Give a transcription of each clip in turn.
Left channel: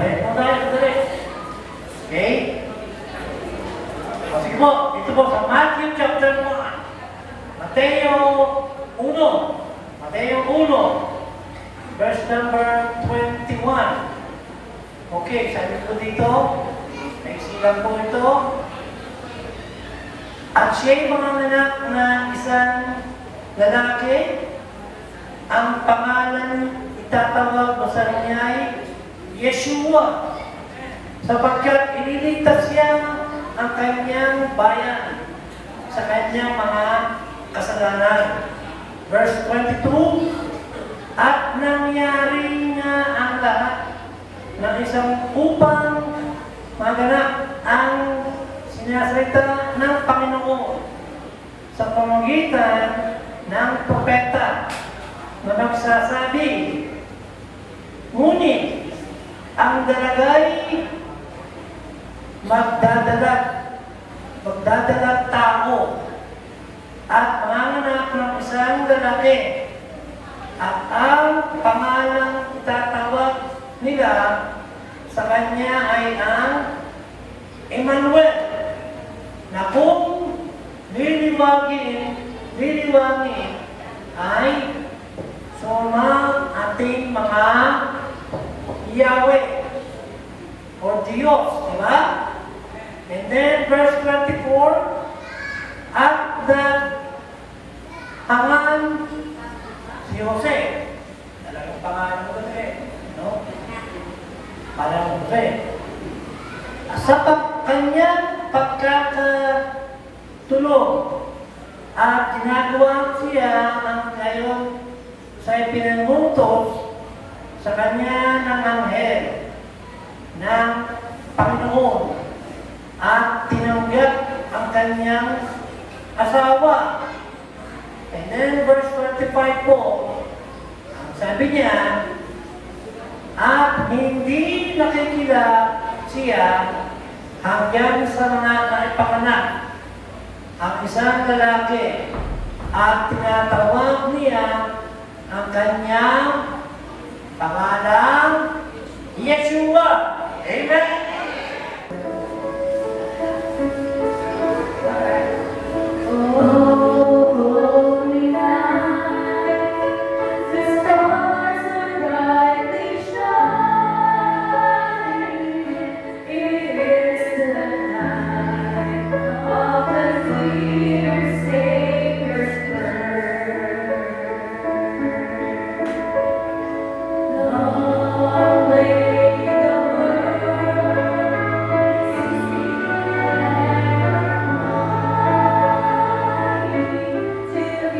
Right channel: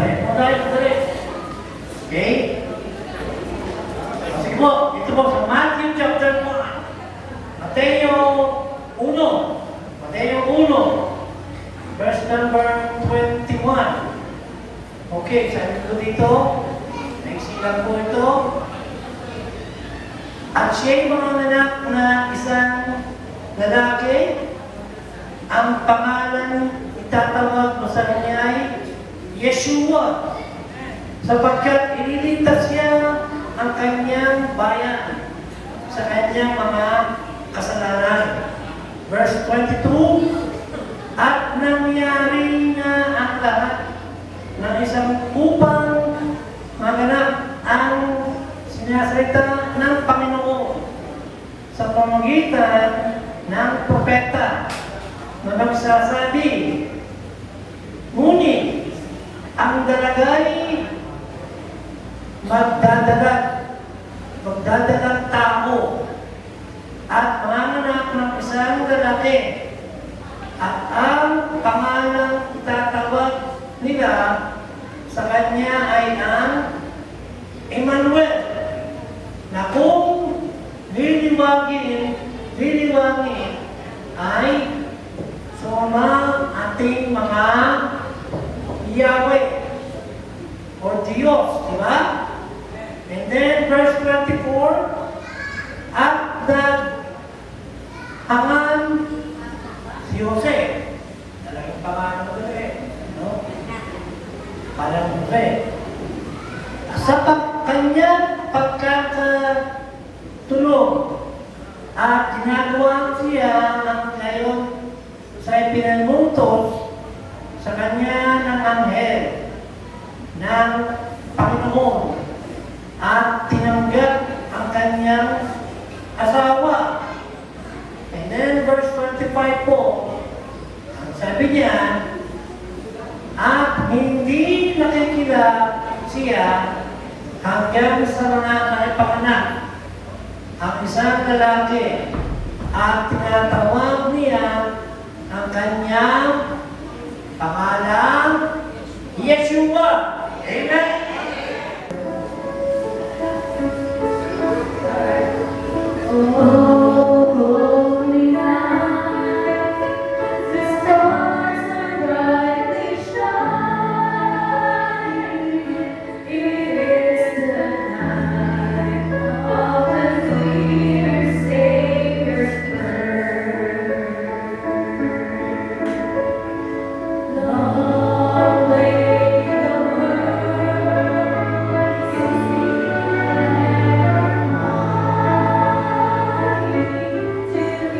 Madali. Okay? Kasi po, ito po sa Matthew chapter 1. Mateo 1, verse number 21. Okay, sabi ko dito, may silang po ito. At siya'y mga anak na isang lalaki, ang pangalan itatawag mo sa kanya ay Yeshua, sapagkat iniligtas siya ang kanyang bayan sa kanyang mga kasalanan. Verse 22, at nangyari na ang lahat ng isang upang maganap ang sinasalita ng Panginoon sa pamamagitan ng propeta na nagsasabi, ngunit ang dalagay magdadalag tao at manganak ng isang lalaki at ang pangalang itatawag nila sa kanya ay ang Emmanuel, na kung liliwangin ay sumang ating mga Yahweh o Diyos, di ba? And then verse 24, at naghangan si Jose. Talagang pangalan mo Jose, no? Pangalan Jose. Sa kanyang pagkakatulog at ginagawa siya ng ngayon sa ipinangutos sa kanya ng anghel ng Panginoon at tinanggap ang kanyang asawa. And then verse 25 po, ang sabi niya, at hindi nakikila siya hanggang sa mga naipanganak ang isang lalaki at tinatawag niya ang kanyang pangalang Yeshua. Amen? Holy night, the stars are brightly shining. It is the night of the dear Savior's birth. Long lay the world ceasing and till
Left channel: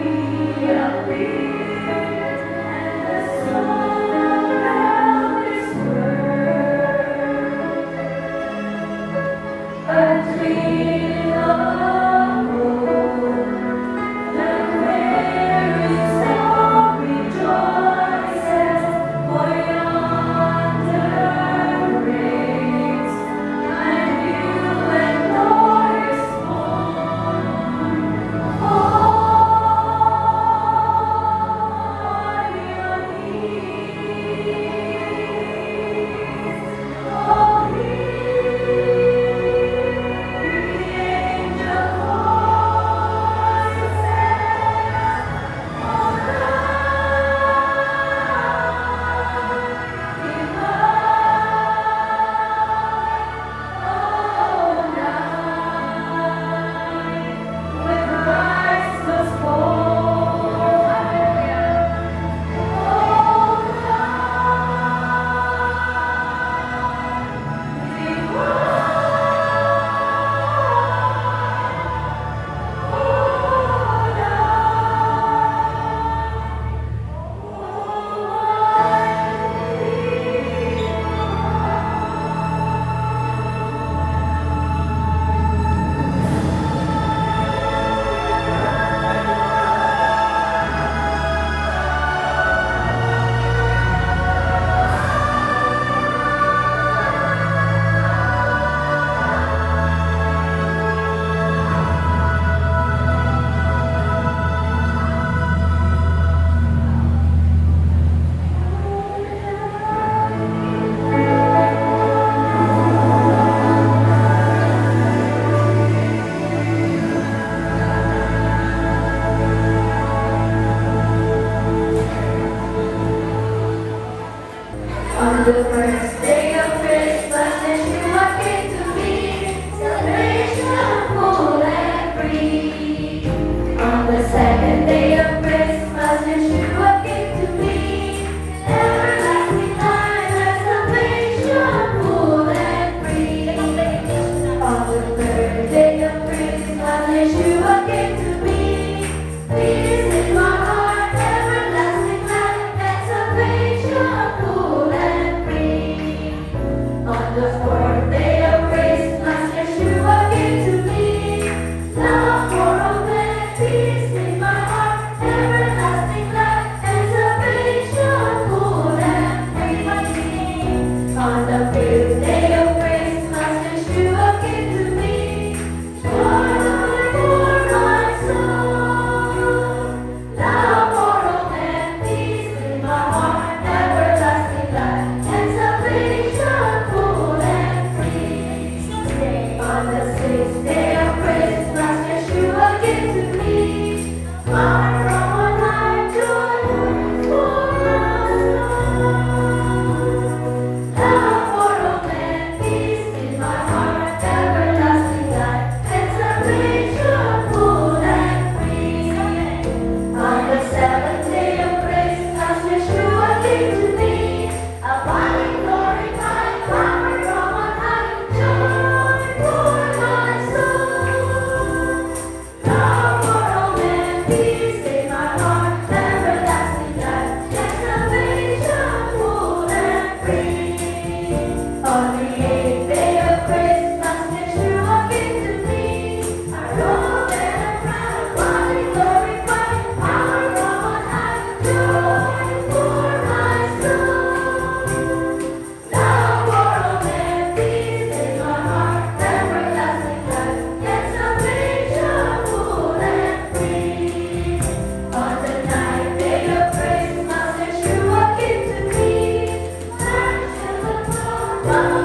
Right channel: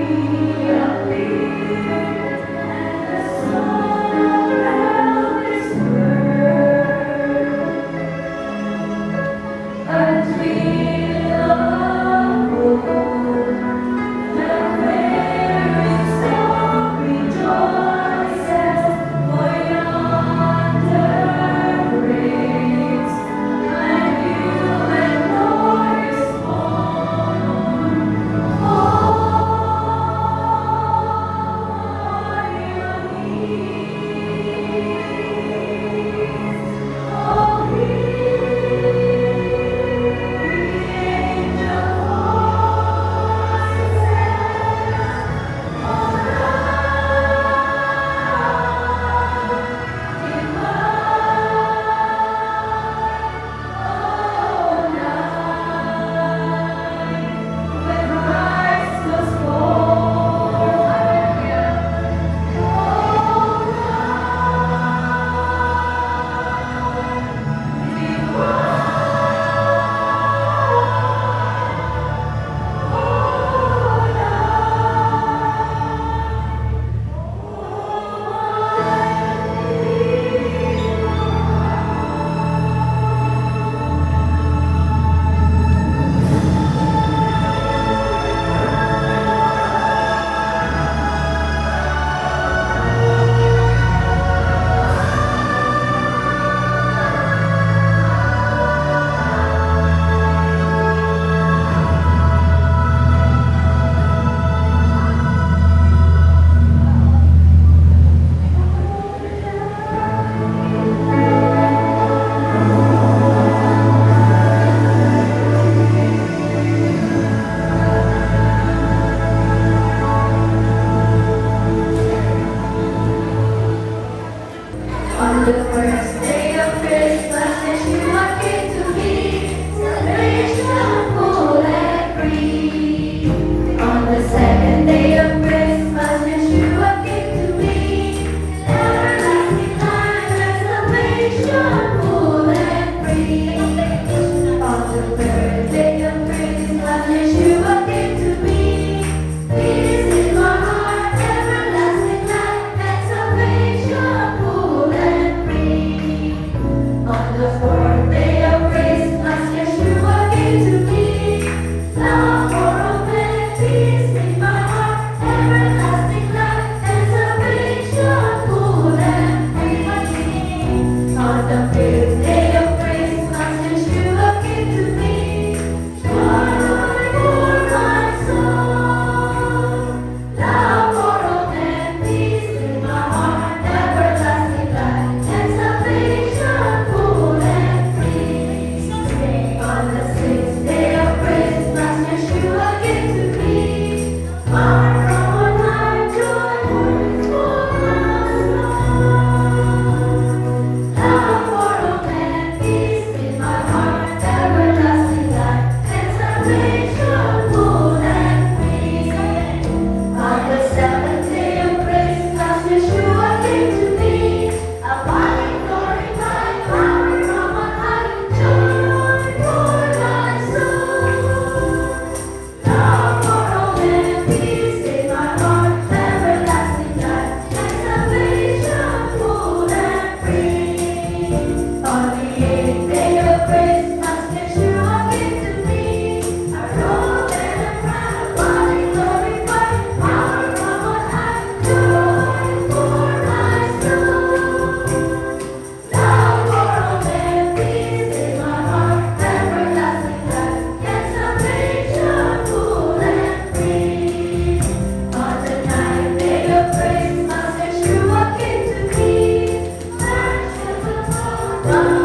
Are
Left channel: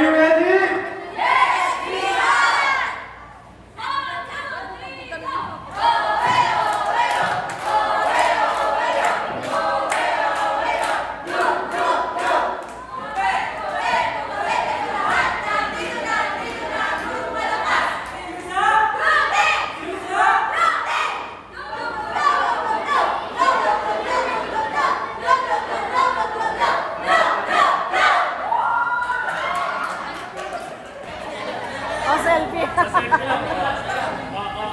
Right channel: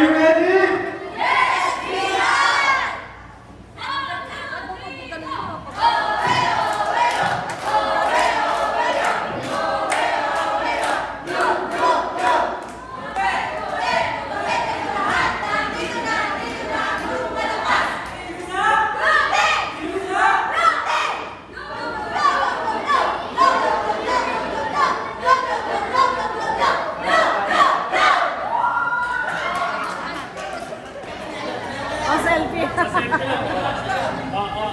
you ready? Are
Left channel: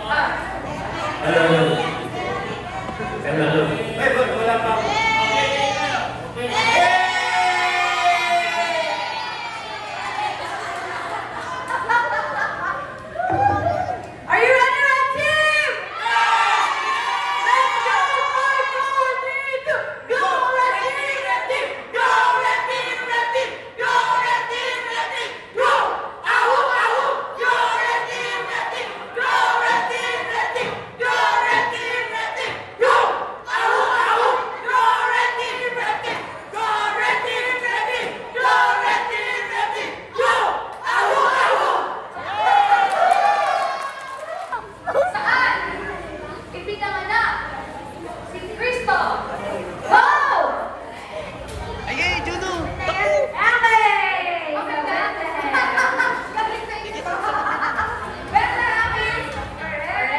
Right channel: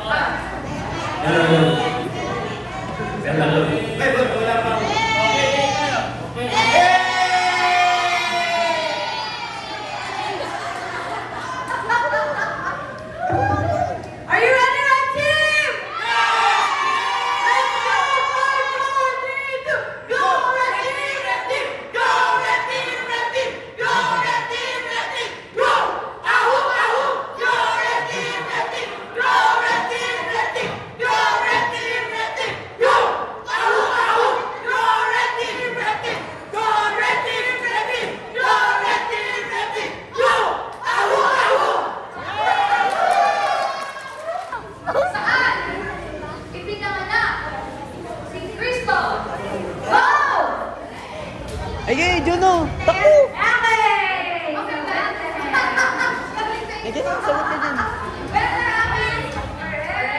you ready, red team? Let's go! 5, 4, 3, 2, go! Red team, red team! Go! Red team, red team! Go! Red team, red team! Go! Ahoo, ahoo! Go! Red team, red team! Go! Red team, red team! Go! Red team, red team! Go! Ahoo, ahoo! Go! Red team, red team! Go! Red team, red team! Go! Red team, red team! Go! Ahoo, ahoo! Saan? Ipinanganak si Cristo. Wow! Ay, Juno! Takbo! Ate! Better namin!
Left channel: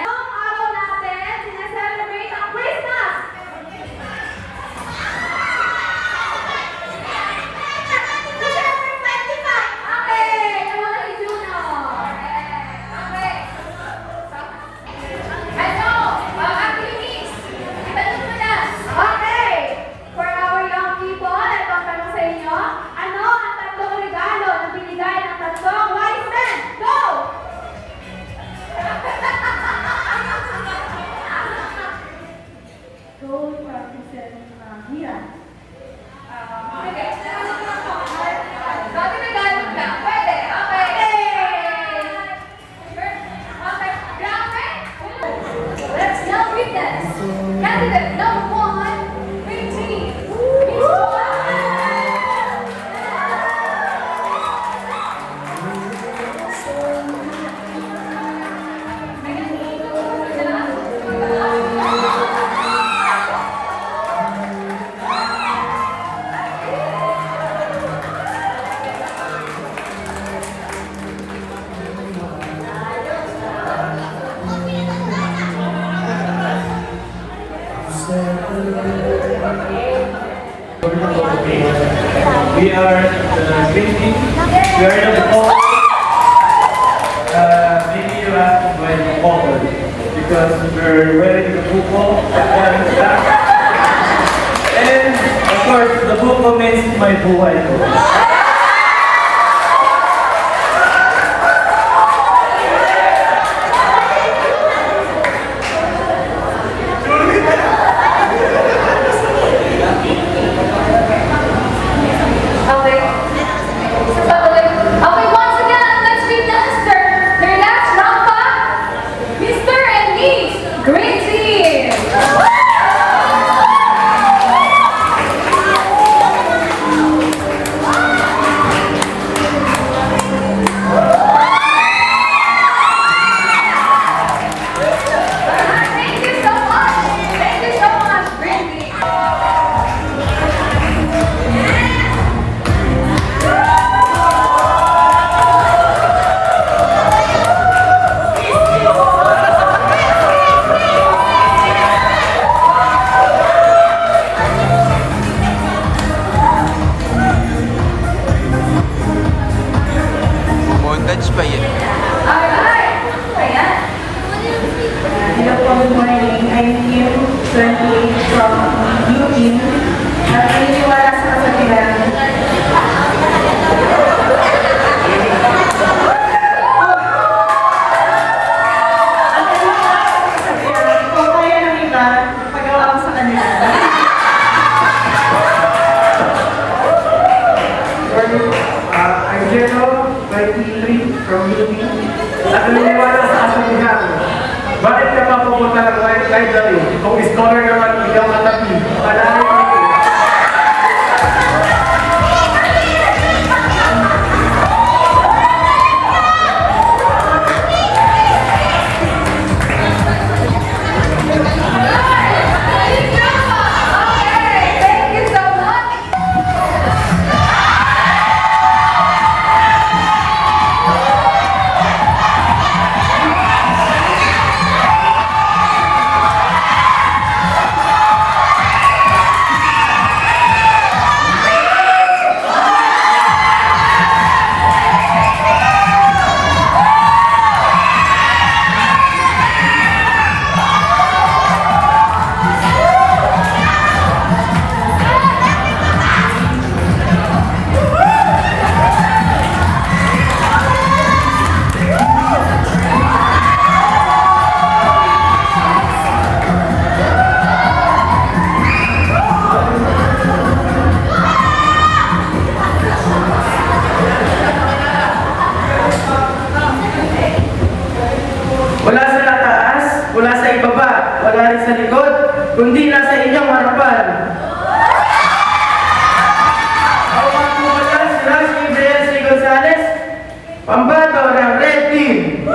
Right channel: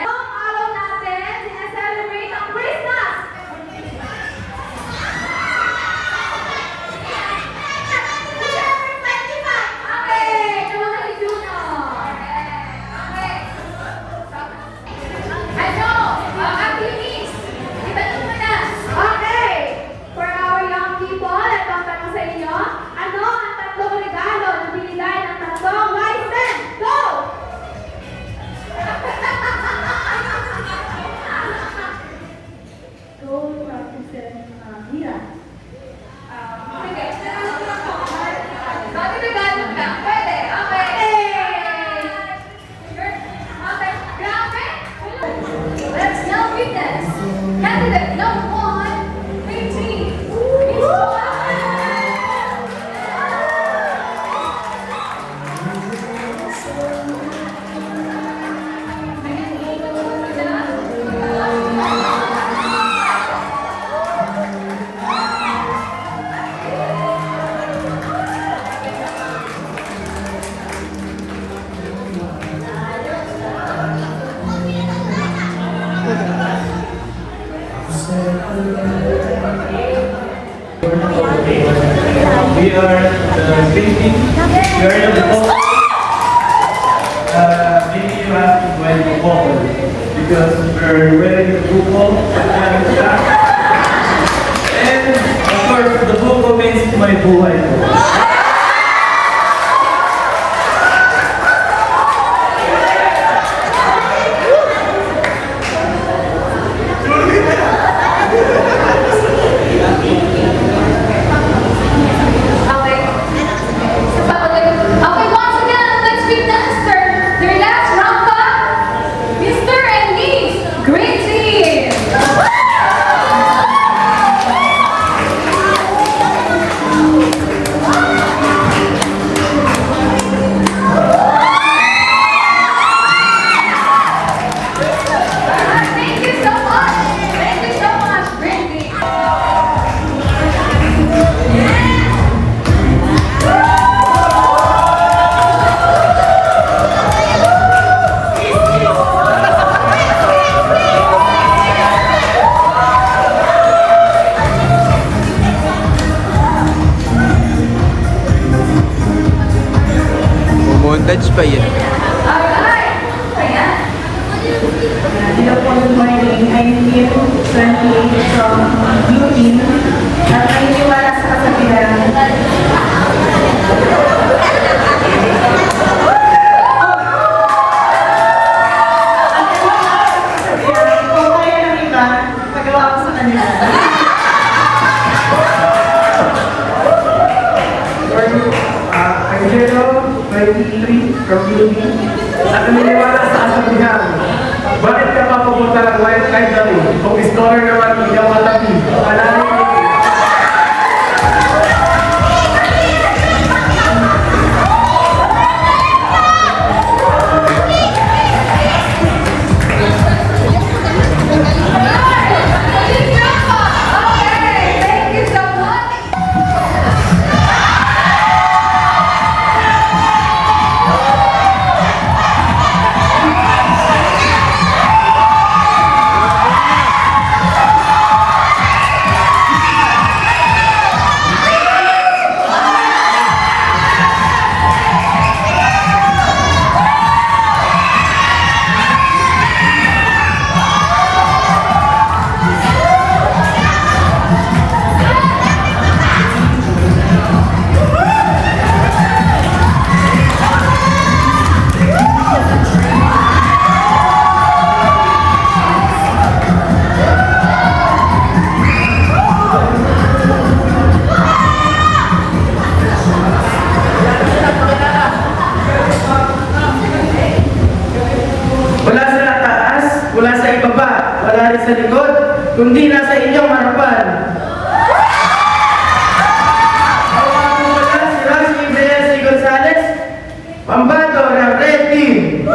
Ang araw natin, sinaselebrate ang Christmas! December 25! Okay! Come on, Juno! Okay! Ano? Ang activities! Itanong mo na! Okay! For our young people, nagpapanong sa inyo, ano ang tatlong regalo na binigay ng tatlong wise men? Go! Gold represents Hira. Okay. Bakit regalo ka? Pwede. Okay. Okay. Grabe. Let's now witness. Candidate number 1, 15. We are drinking. We are in the hall. Maybe you have to join the hall because we're wearing the football and of course the football means my boy. Okay, once again, let's witness their last number, Mr. and Miss Green Team. Thank you so much. Thank you so much, Green Team. Montage pa yun. Alright. Ayan. Hello po, good morning. I'm Kim, 28 from UP. At naniniwala sa kasabihan. Ang naniniwala sa kasabihan, kung kaya ng iba, magawa ko sa kanila. I'm Jero, 23 from UP. At naniniwala sa kasabihan, bakit ka mapupunta ng White Ivory? Kung scholar ka man, ikaw malaki. Alay! Okay, thank you so much. Wala sa ibaba, wala rin sa likod, kundi nasa inyong harapan. Ako nga po pala si Rashy Brian Gonzalez, pambato ng Red Team.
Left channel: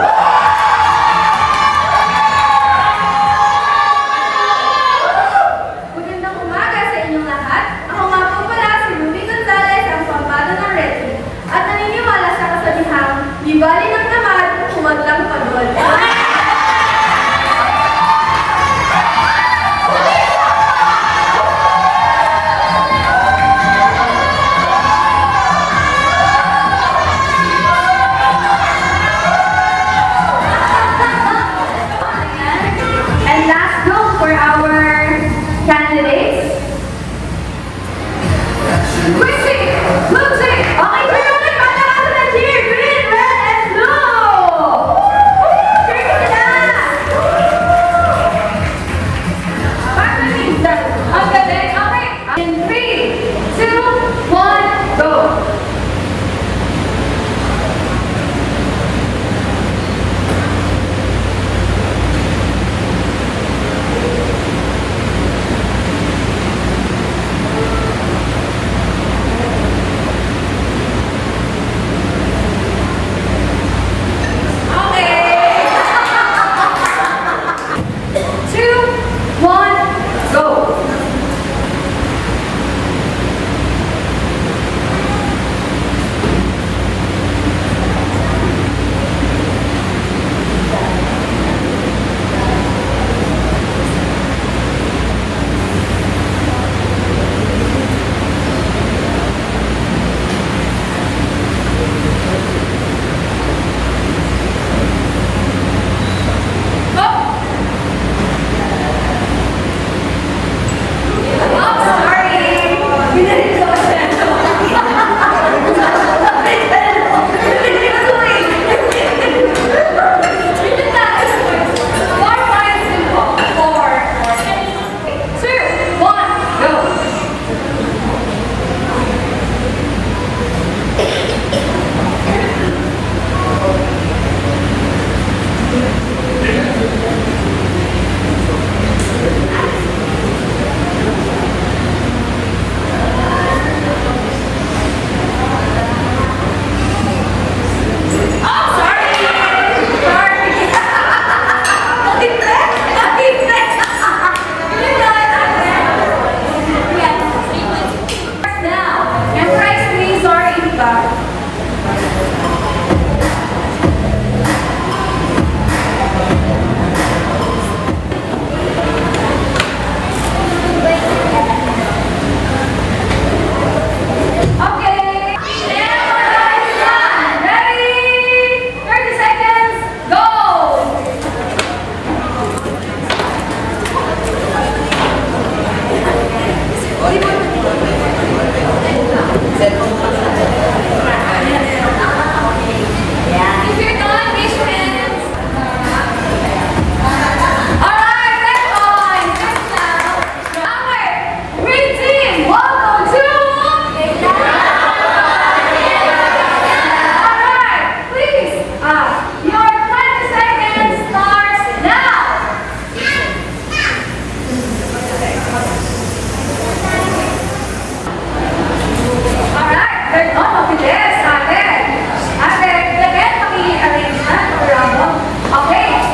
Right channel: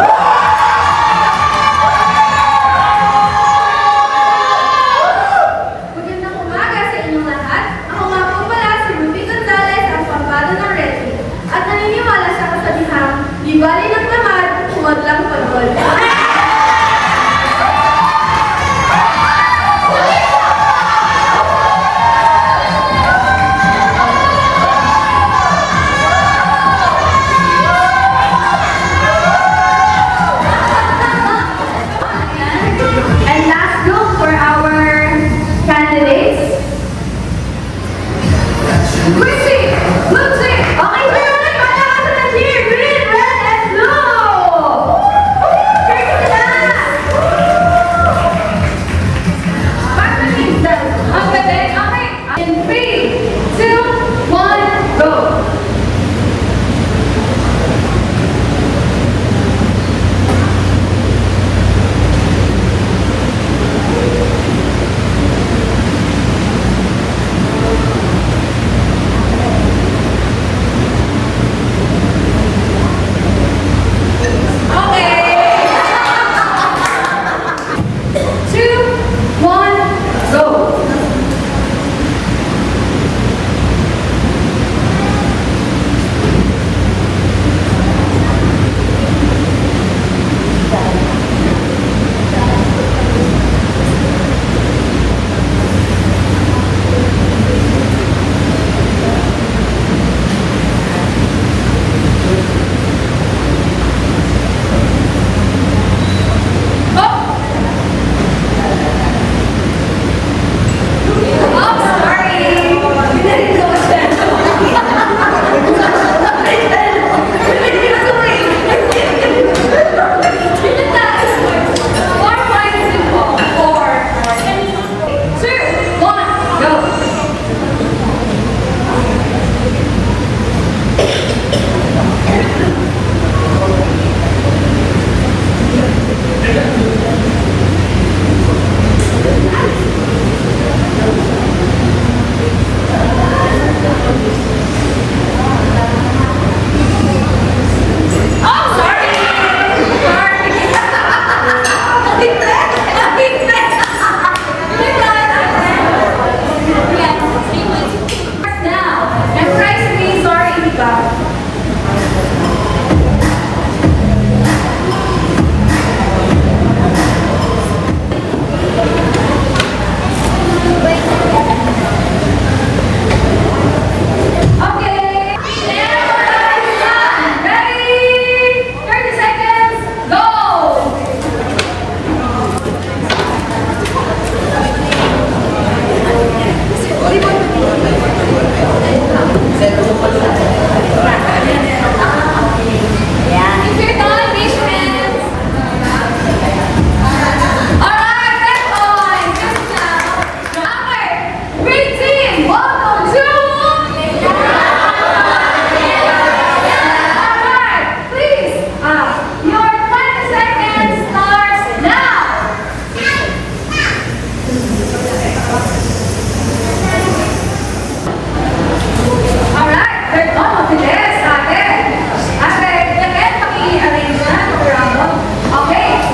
Magandang umaga sa inyong lahat. Ako nga po pala si Ruby Gonzalez, ang pambado ng Red Team. At naniniwala sa kasabihang, di bali ng tamad, tumad lang tanggol. And last look for our candidates. Music! Music! Okay, so yung mga patakas na cheer! Green, red, and blue! Cheers to that! Ang galing! Okay! In 3, 2, 1, go! Two, one, go!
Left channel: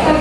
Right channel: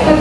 I'm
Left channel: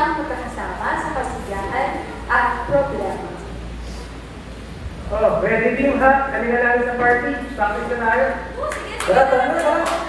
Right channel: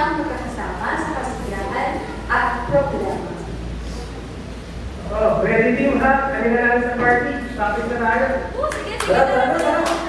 silang magkakasama sa kasiyahan at problema. Oh, ready din ha? Halika lang sa party. Tapos na tayo. Wala, wala, wala.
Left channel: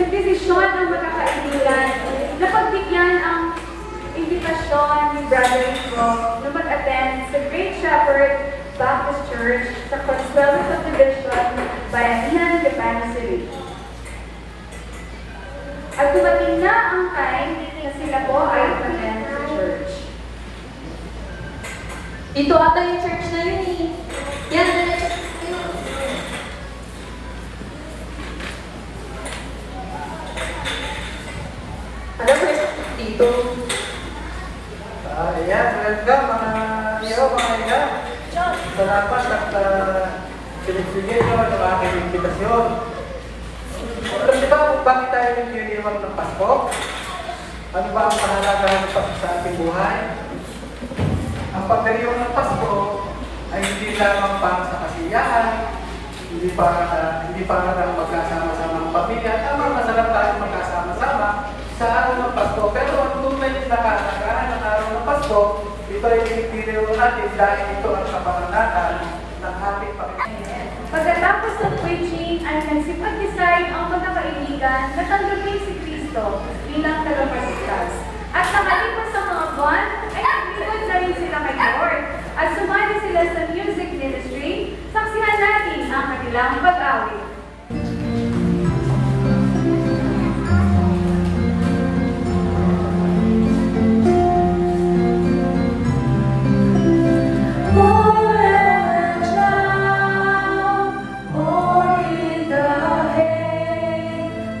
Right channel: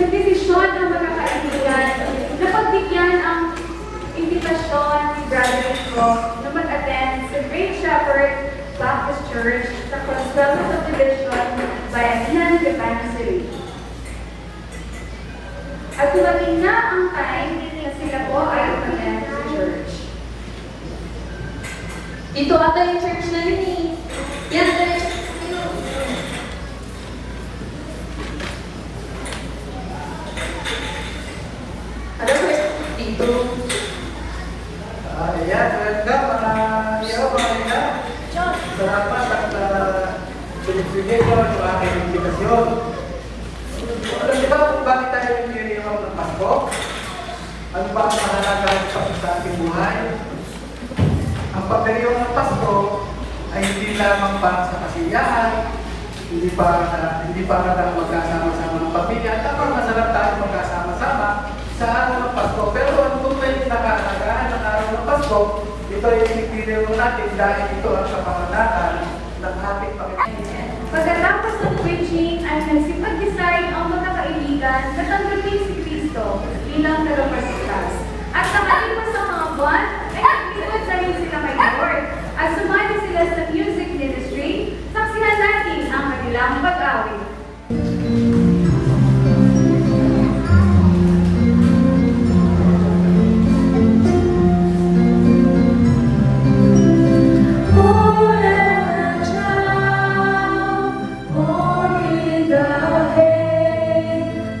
Nagdesisyon ng mga kaibigan na pagbigyan ang imbitasyon ni Brother Rico na mag-attend sa Great Shepherd Baptist Church sa Coastal Subdivision, Bayanihan, Quezon City. At dumating na ang time na sila po ay attend sa church. Ito ata yung church na yun eh. Yan, diretso tayo. Ano ba dito? Ayan, welcome mga iyo, mga iyo. Salamat at pinagbigay ko ng aking invitasyon. Alam niyo ba kung bakit tayo nagdiriwang ng Pasko? Ano ba ang mahalaga ng Pasko sa ating buhay? Ang pagdiriwang ng Pasko ay hindi lamang para sa kasiyahan, hindi para lang magkasama-sama ng pamilya. Tama, masarap tayo magkasama-sama sa araw ng Pasko. Pero ang tunay na nakakagahan ng araw ng Pasko, ito ay pinipili natin dahil ito ang kapanganatan ng ating Panginoon. Pagkatapos ng preaching ay nagsipag-decide ang magkakaibigan na tanggapin si Kristo bilang tagapagligtas. At nakalipas sa mga buwan ay naglibot na rin sila kay Lord at sumali sila sa music ministry, saksihan natin ang kanilang pag-awit.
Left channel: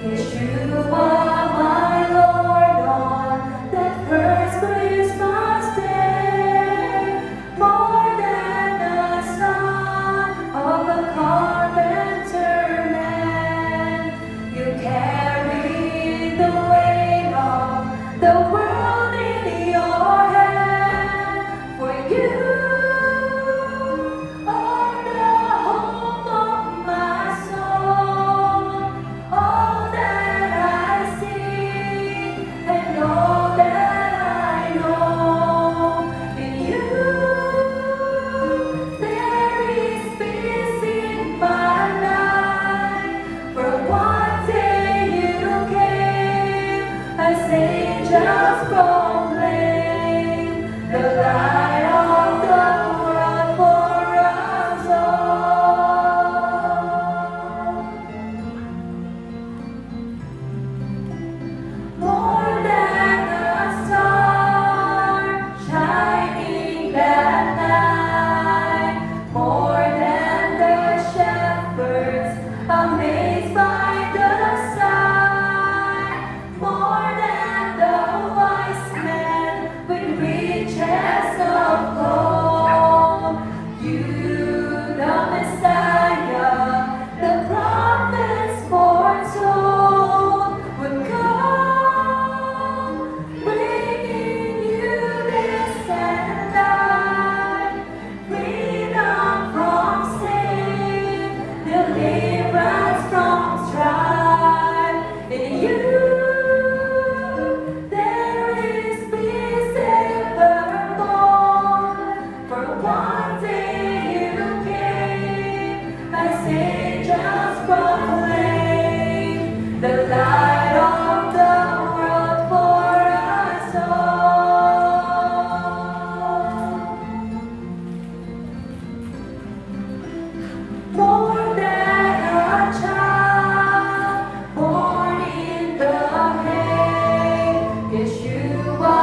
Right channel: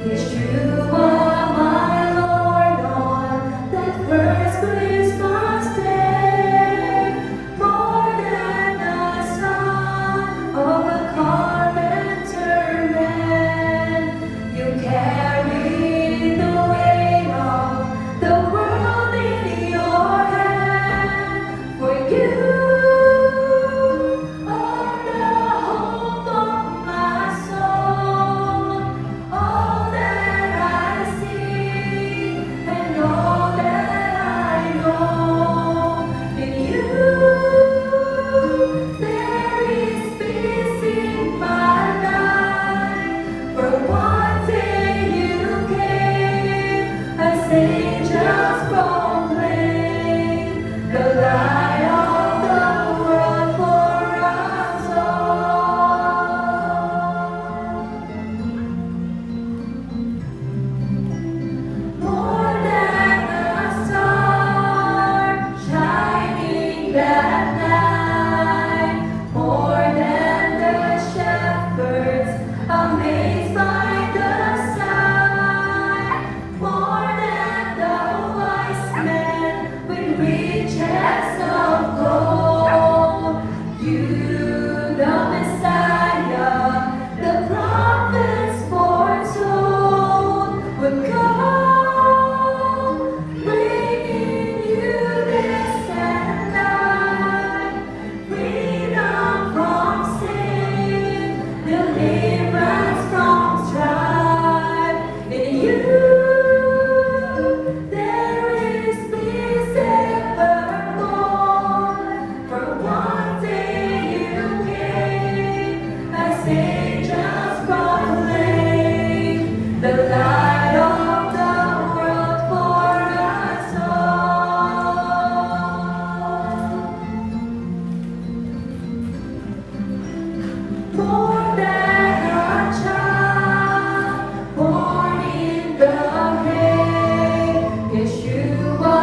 Wish you are my Lord. angels proclaim the light of the world for us all. More than a child born in the hay, Yeshua,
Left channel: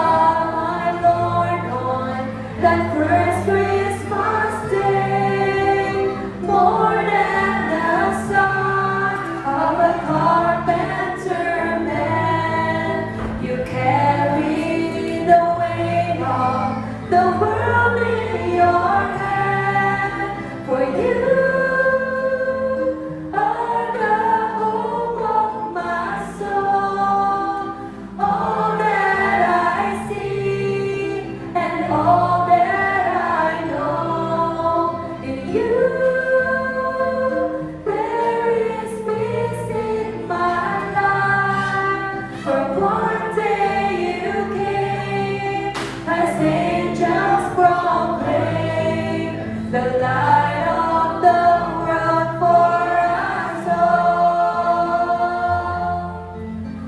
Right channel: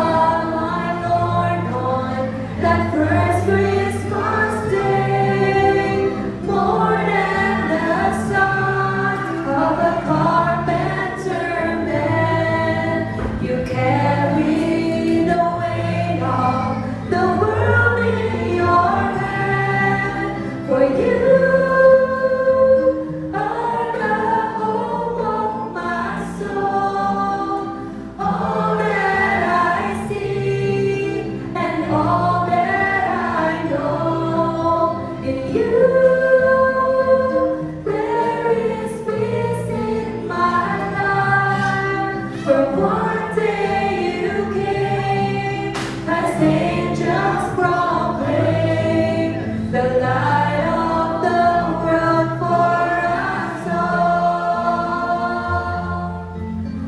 my Lord, on that first Christmas day. More than the son of a carpenter man, you carry the weight of the world in your hand. For you are the hope of my soul. All that I see and all that I know, in you there is peace in my life. From one day you came as angels proclaim the light of the world for us all.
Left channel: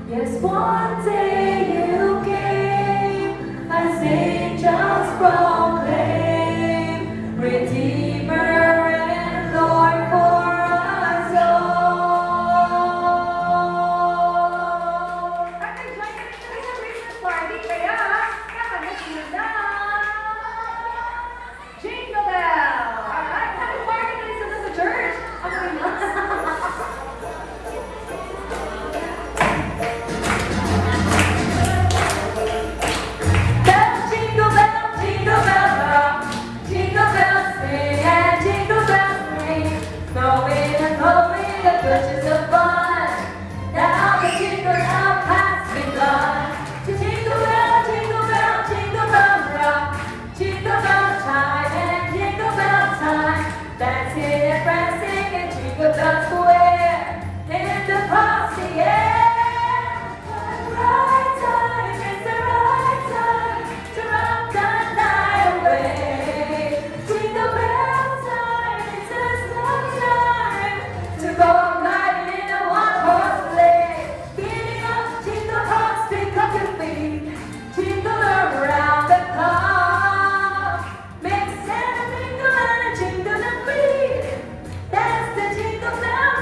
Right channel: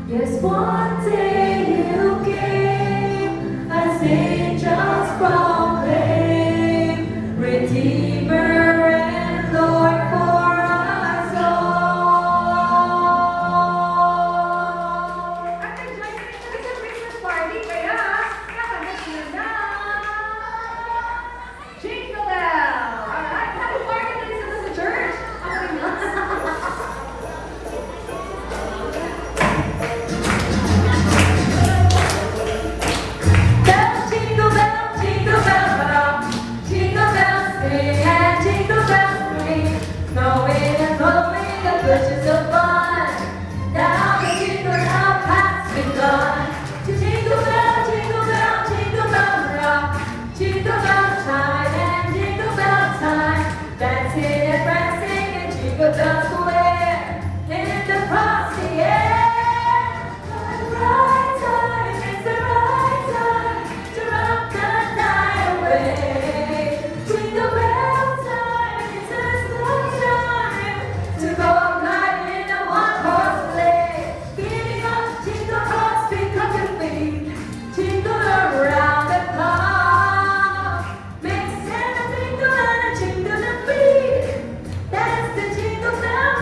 Yes, one day you came as angels proclaim, Redeemer and Lord for us all. At enjoy kami sa Christmas party, kaya nakahanap na Jingle Bell! Alright, happy party dito sa church! Okay na. Bells, jingle bell rock, jingle bells sing and jingle bells ring, snowing and blowing the bushes of fun. Now the jingle bell has begun. Jingle bell, rock, jingle bell chime and jingle bell time, dancing and prancing and jingle bell square in the frosty air. It's the right time to rock the night away. Jingle bell time, it's just no time to go riding in a one-horse sleigh. Giddy up, jingle bells, pick up your feet, jingle around the clock. Make Santa jingle and a jingle and beat. That's the jingle bell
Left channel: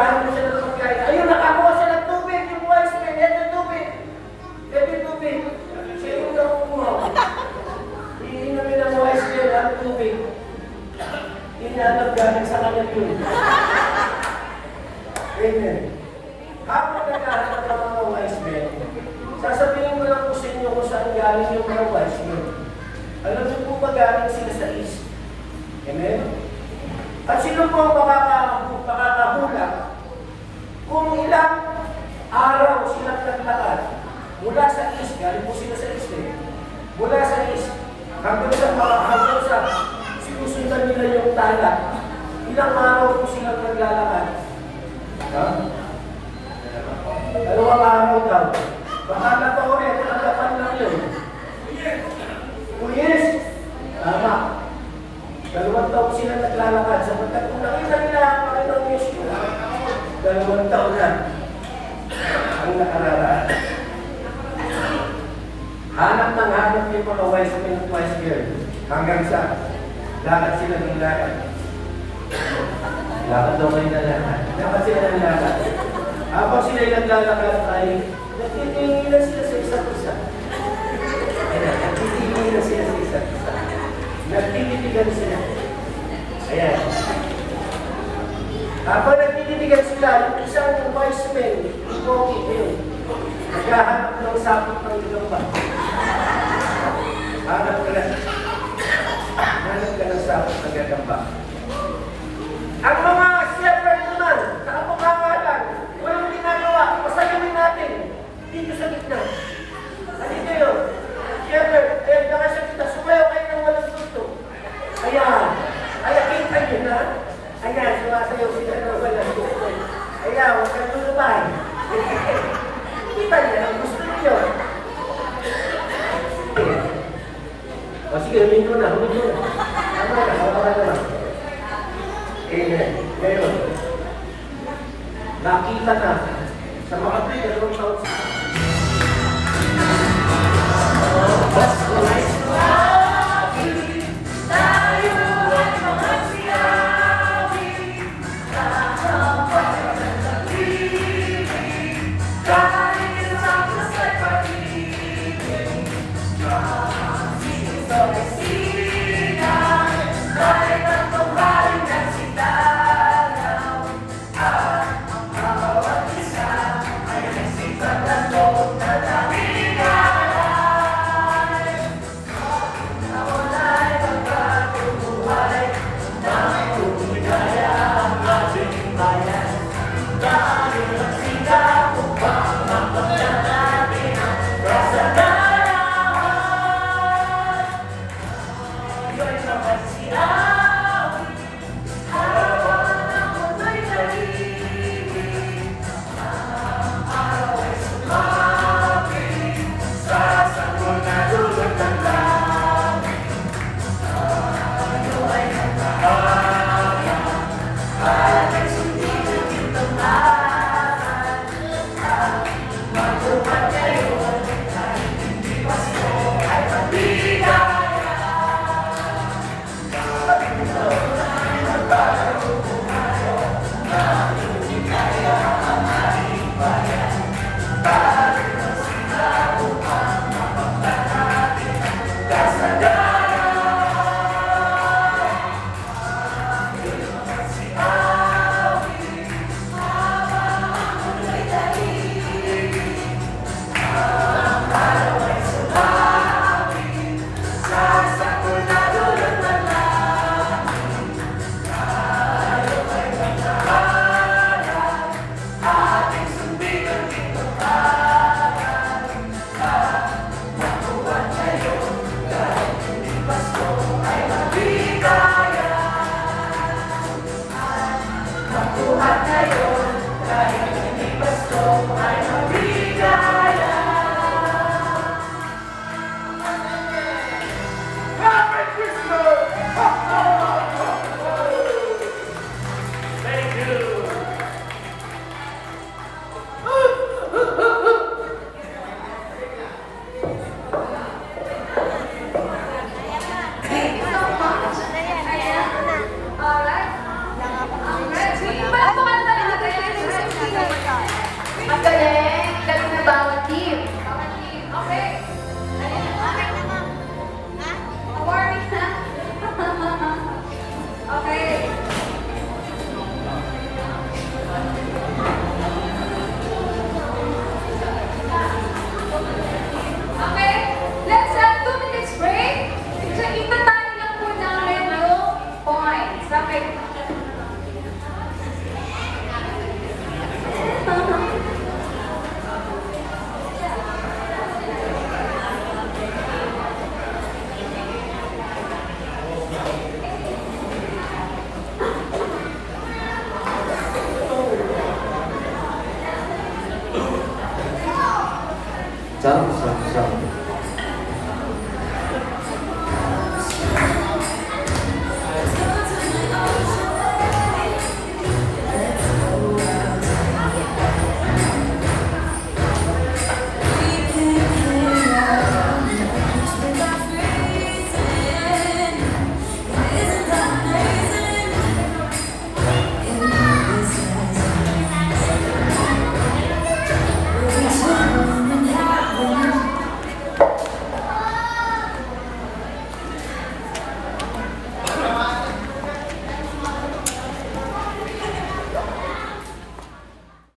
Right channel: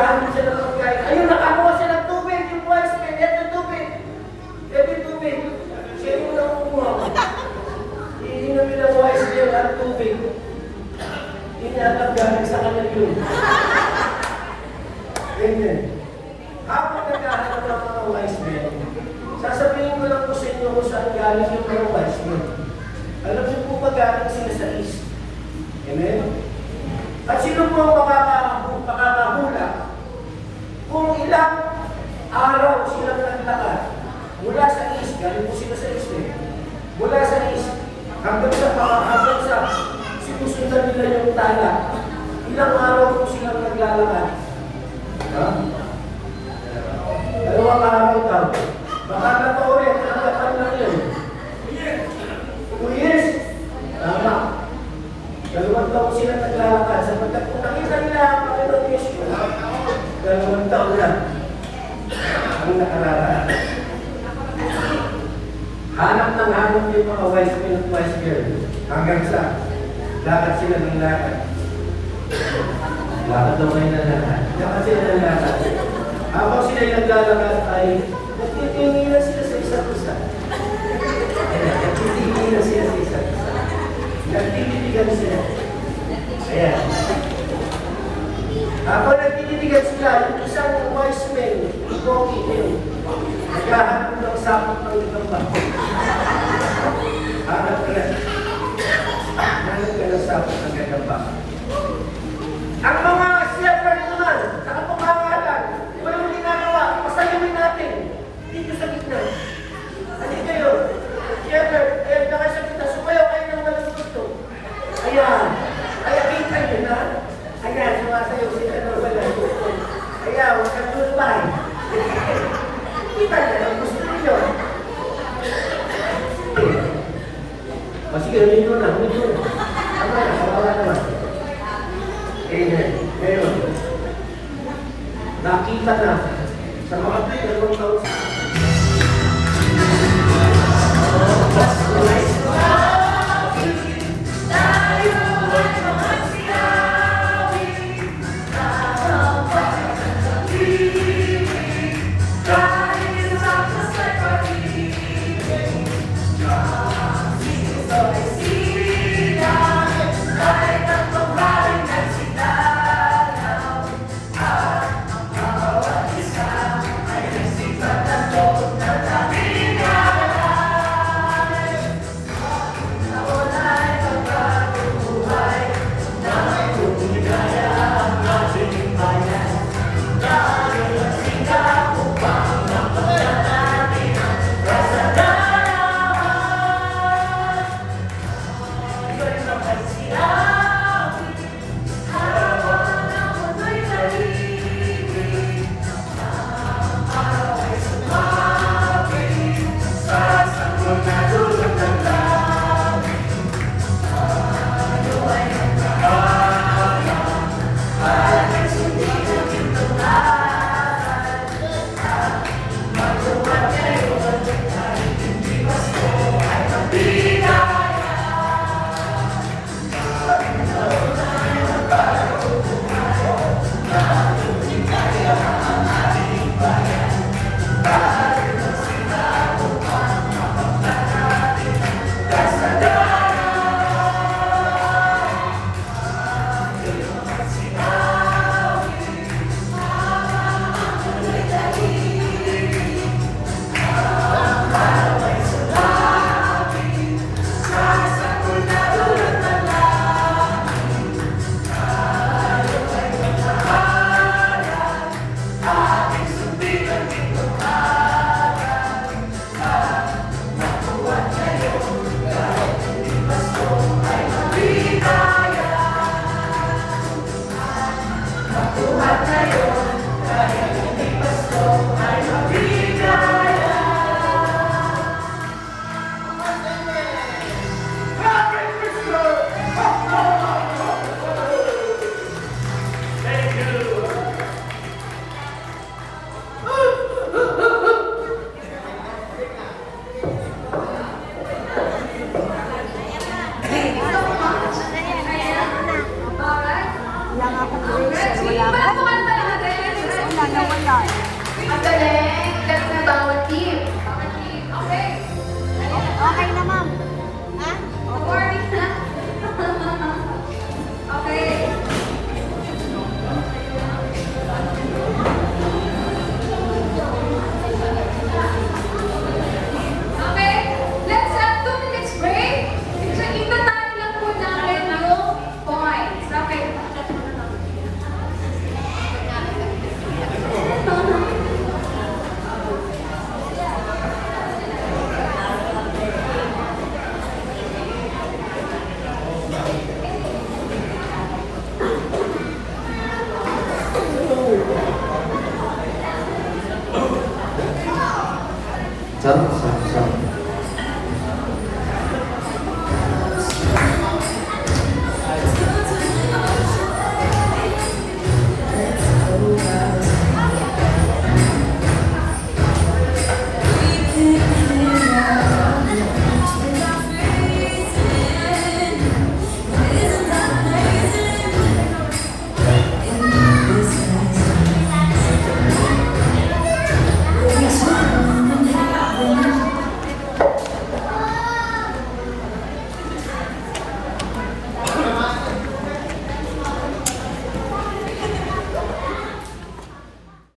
naghahanap siya ng pagkain. Ayun, nakakuha siya ng tubig. Yung wise man, ito yung tubig. Ito yung tubig. Siya yung nakukuha. Iinumin ng wise man ang tubig. Inalap galing sa kanya yun. Amen. Habang naghahanap ng mga wise men, sasabihin ko lang po sa inyo kung saan galing yung mga wise men. Alam niyo po ba galing sila sa east? Amen? At sino po makakahula kung ilang araw silang naglakad mula sa east, galing po sila sa east eh. Mula sa east, hanggang sa sinusundan nila yung tala, ilang araw po silang naglalakad. Dalawang araw daw. Baka nataulit, nagkakam lang yun. 2 years. Tama. 2 taon sila naglalakad. Sapagkat kung nakita nila ang Panginoon Yesus, 2 taon na ang nakararaan. Hanap ng hanap yung mga wise men at wise girl. Hanggang sa lakad sila ng lakad. Lakad daw kayo ng lakad. Lakad sila ng lakad. Habang sila'y naglalakad ay nagtitinginan sila sa isa't isa. Nagtitinginan sila sa isa't isa. Nagtititigan sila. Ayan. Habang nagtititigan sila, yung isang wise men, yung Gogi yun, naghahanap ng sapot ng ibang ba. Hanap ka na. Hanap ka ng sapot ng ibang ba. Ang mga shepherd naman, sa kapangalan, kung yung ginagawa, pasalawin natin dito sa gitna. Halika kayo, shepherd, baka sa gitna, sumayaw kayo ng walang gusto. Ayan, kaya kita nyo na. Ayan, sumasayaw sila ng walang gusto. Ayan, huwag kang tunutan. Kita nyo, ang gusto nyo. O sige, humin mo na, humin mo na. Ano na, kapalan na. Amen. Ngayon, nakita na sa mga 2 taon sa